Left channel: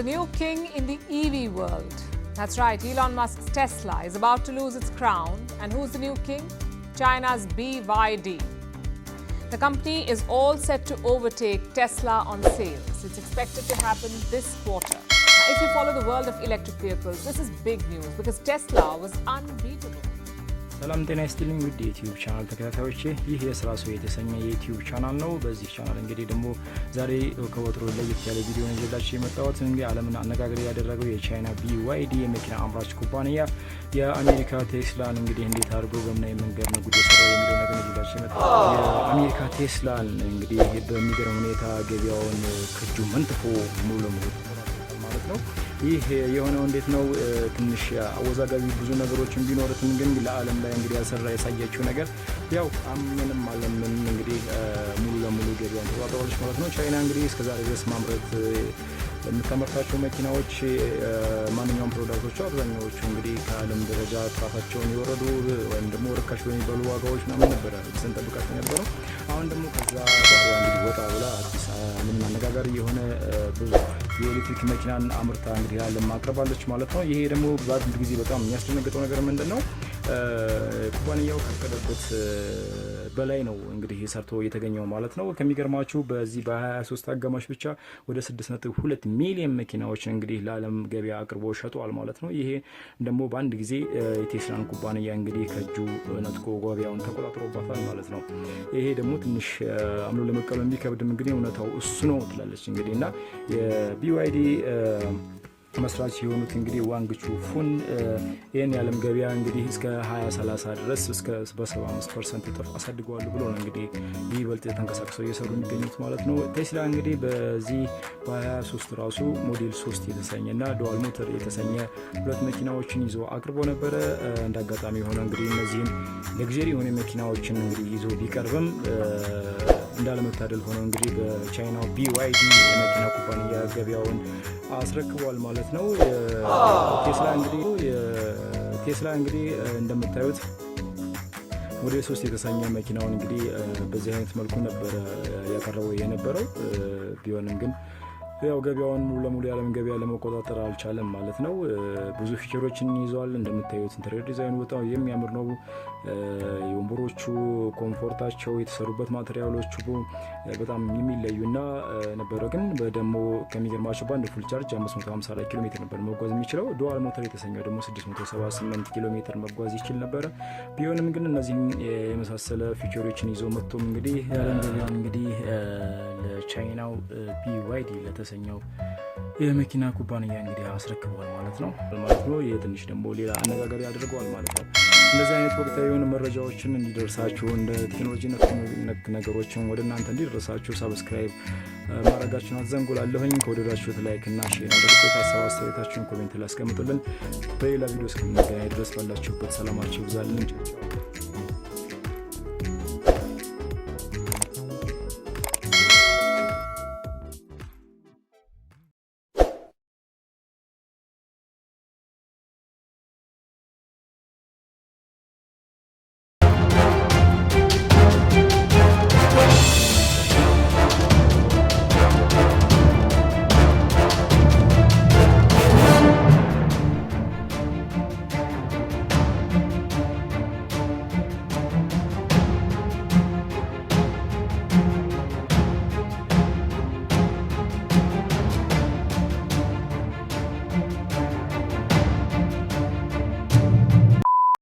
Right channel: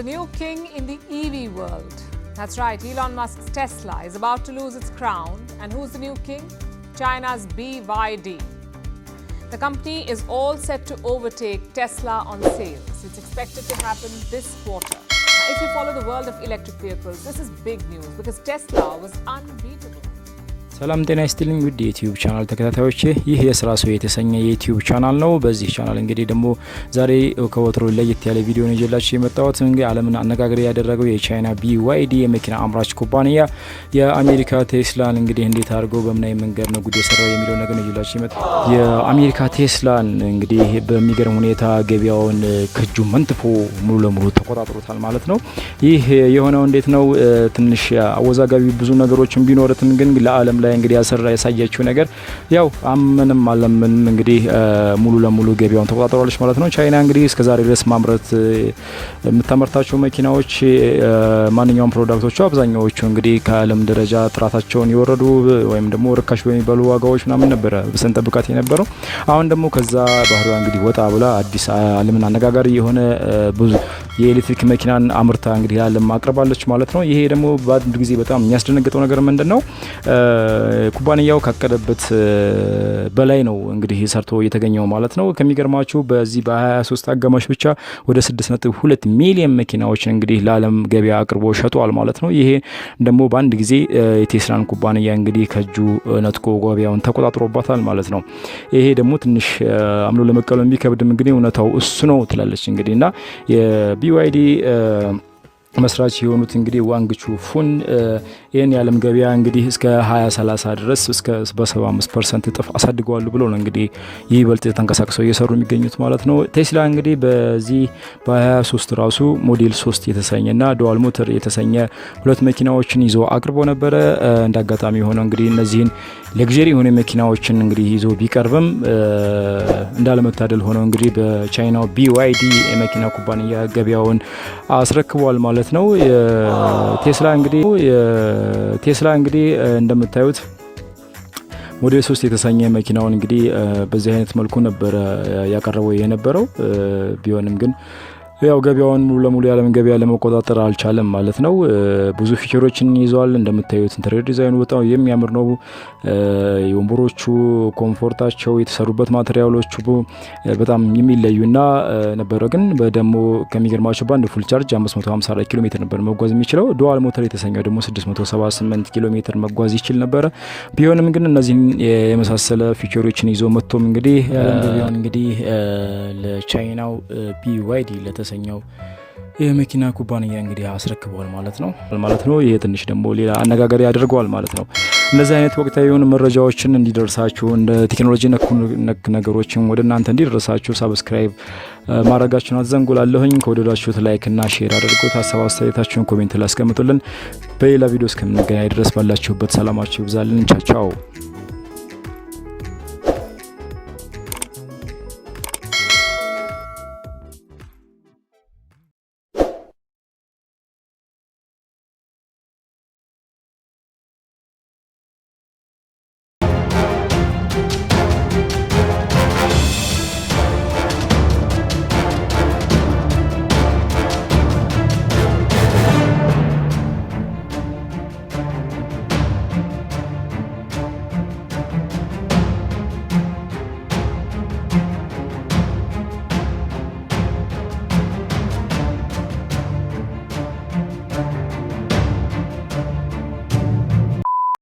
a new king in the EV world. That's right, Elon Musk's Tesla is about to lose its crown. And who's the new king? China's BYD. The company is all set to overtake Tesla on sales. It's expected to happen this quarter. Now, if you follow the world of electric vehicles, this is big news because Tesla was unbeatable. ሰላም ጤና ይስጥልኝ ውድ የዩቲዩብ ቻናል ተከታታዮቼ ይህ የስራ ሰው የተሰኘ የዩቲዩብ ቻናል ነው። በዚህ ቻናል እንግዲህ ደግሞ ዛሬ ከወትሮ ለየት ያለ ቪዲዮ ነው ይዤላችሁ የመጣሁት። እንግዲህ ዓለምን አነጋጋሪ ያደረገው የቻይና BYD የመኪና አምራች ኩባንያ የአሜሪካ ቴስላን እንግዲህ እንዴት አድርጎ በመናይ መንገድ ነው ጉድ የሰራው የሚለው ነገር ነው ይዤላችሁ የመጣሁት። የአሜሪካ ቴስላን እንግዲህ በሚገርም ሁኔታ ገበያውን ከጁ መንጥፎ ሙሉ ለሙሉ ተቆጣጥሮታል ማለት ነው። ይህ የሆነው እንዴት ነው? ትንሽ አወዛጋቢ ብዙ ነገሮችን ቢኖርትም ግን ለዓለም ላይ እንግዲህ ያሳያችው ነገር ያው አመንም አለምን እንግዲህ ሙሉ ለሙሉ ገበያውን ተቆጣጥሯለች ማለት ነው። ቻይና እንግዲህ እስከዛሬ ድረስ ማምረት የምታመርታቸው መኪናዎች ማንኛውም ፕሮዳክቶች አብዛኛዎቹ እንግዲህ ከዓለም ደረጃ ጥራታቸውን ይወረዱ ወይም ደግሞ ርካሽ በሚባሉ ዋጋዎች ምናምን ነበር በሰንጠብቃት የነበረው። አሁን ደግሞ ከዛ ባህሪዋ እንግዲህ ወጣ ብላ አዲስ ዓለምን አነጋጋሪ የሆነ ብዙ የኤሌክትሪክ መኪናን አምርታ እንግዲህ ዓለም ማቅረባለች ማለት ነው። ይሄ ደግሞ በአንድ ጊዜ በጣም የሚያስደነግጠው ነገር ምንድነው? ኩባንያው ካቀደበት በላይ ነው እንግዲህ ሰርቶ የተገኘው ማለት ነው። ከሚገርማችሁ በዚህ በ23 አጋማሽ ብቻ ወደ 6.2 ሚሊዮን መኪናዎችን እንግዲህ ለዓለም ገበያ አቅርቦ ሸጧል ማለት ነው። ይሄ ደግሞ በአንድ ጊዜ የቴስላን ኩባንያ እንግዲህ ከጁ ነጥቆ ገበያውን ተቆጣጥሮባታል ማለት ነው። ይሄ ደግሞ ትንሽ አምኖ ለመቀበል የሚከብድም እንግዲህ እውነታው እሱ ነው ትላለች እንግዲህ እና የBYD መስራች የሆኑት እንግዲህ ዋንግቹ ፉን ይሄን የዓለም ገበያ እንግዲህ እስከ 2030 ድረስ እስከ 75% እጥፍ አሳድገዋል ብሎ ነው እንግዲህ ይበልጥ ተንቀሳቅሰው እየሰሩ የሚገኙት ማለት ነው። ቴስላ እንግዲህ በዚህ በ23 ራሱ ሞዴል 3 የተሰኘና ዱዋል ሞተር የተሰኘ ሁለት መኪናዎችን ይዞ አቅርቦ ነበረ። እንዳጋጣሚ ሆኖ እንግዲህ እነዚህን ለግዠሪ የሆነ መኪናዎችን እንግዲህ ይዞ ቢቀርብም እንዳለመታደል ሆኖ እንግዲህ በቻይናው BYD የመኪና ኩባንያ ገበያውን አስረክቧል ማለት ነው። ቴስላ እንግዲህ እንደምታዩት ሞዴል 3 የተሰኘ መኪናውን እንግዲህ በዚህ አይነት መልኩ ነበር ያቀረበው የነበረው። ቢሆንም ግን ያው ገበያውን ሙሉ ለሙሉ ያለም ገበያ ለመቆጣጠር አልቻለም ማለት ነው። ብዙ ፊቸሮችን ይዟል እንደምታዩት። ኢንተሪየር ዲዛይኑ በጣም የሚያምር ነው። የወንበሮቹ ኮምፎርታቸው የተሰሩበት ማቴሪያሎቹ በጣም የሚለዩና ነበረ። ግን በደሞ ከሚገርማቸው በአንድ ፉል ቻርጅ 554 ኪሎ ሜትር ነበር መጓዝ የሚችለው። ዱዋል ሞተር የተሰኘው ደግሞ 678 ኪሎ ሜትር መጓዝ ይችል ነበር። ቢሆንም ግን እነዚህን የመሳሰለ ፊቸሮችን ይዞ መጥቶም እንግዲህ ገበያውን እንግዲህ ለቻይናው BYD ለተሰኘው የመኪና ኩባንያ እንግዲህ አስረክቧል ማለት ነው። ይሄ ትንሽ ደግሞ ሌላ አነጋጋሪ ያደርገዋል ማለት ነው። እነዚህ አይነት ወቅታዊ የሆኑ መረጃዎችን እንዲደርሳችሁ እንደ ቴክኖሎጂ ነክ ነገሮችን ወደ እናንተ እንዲደርሳችሁ ሰብስክራይብ ማድረጋችሁን አትዘንጉላለሁኝ። ከወደዳችሁት ላይክ እና ሼር አድርጉት። ሀሳብ አስተያየታችሁን ኮሜንት ላይ አስቀምጡልን። በሌላ ቪዲዮ እስከምንገናኝ ድረስ ባላችሁበት ሰላማችሁ ይብዛልን። ቻው።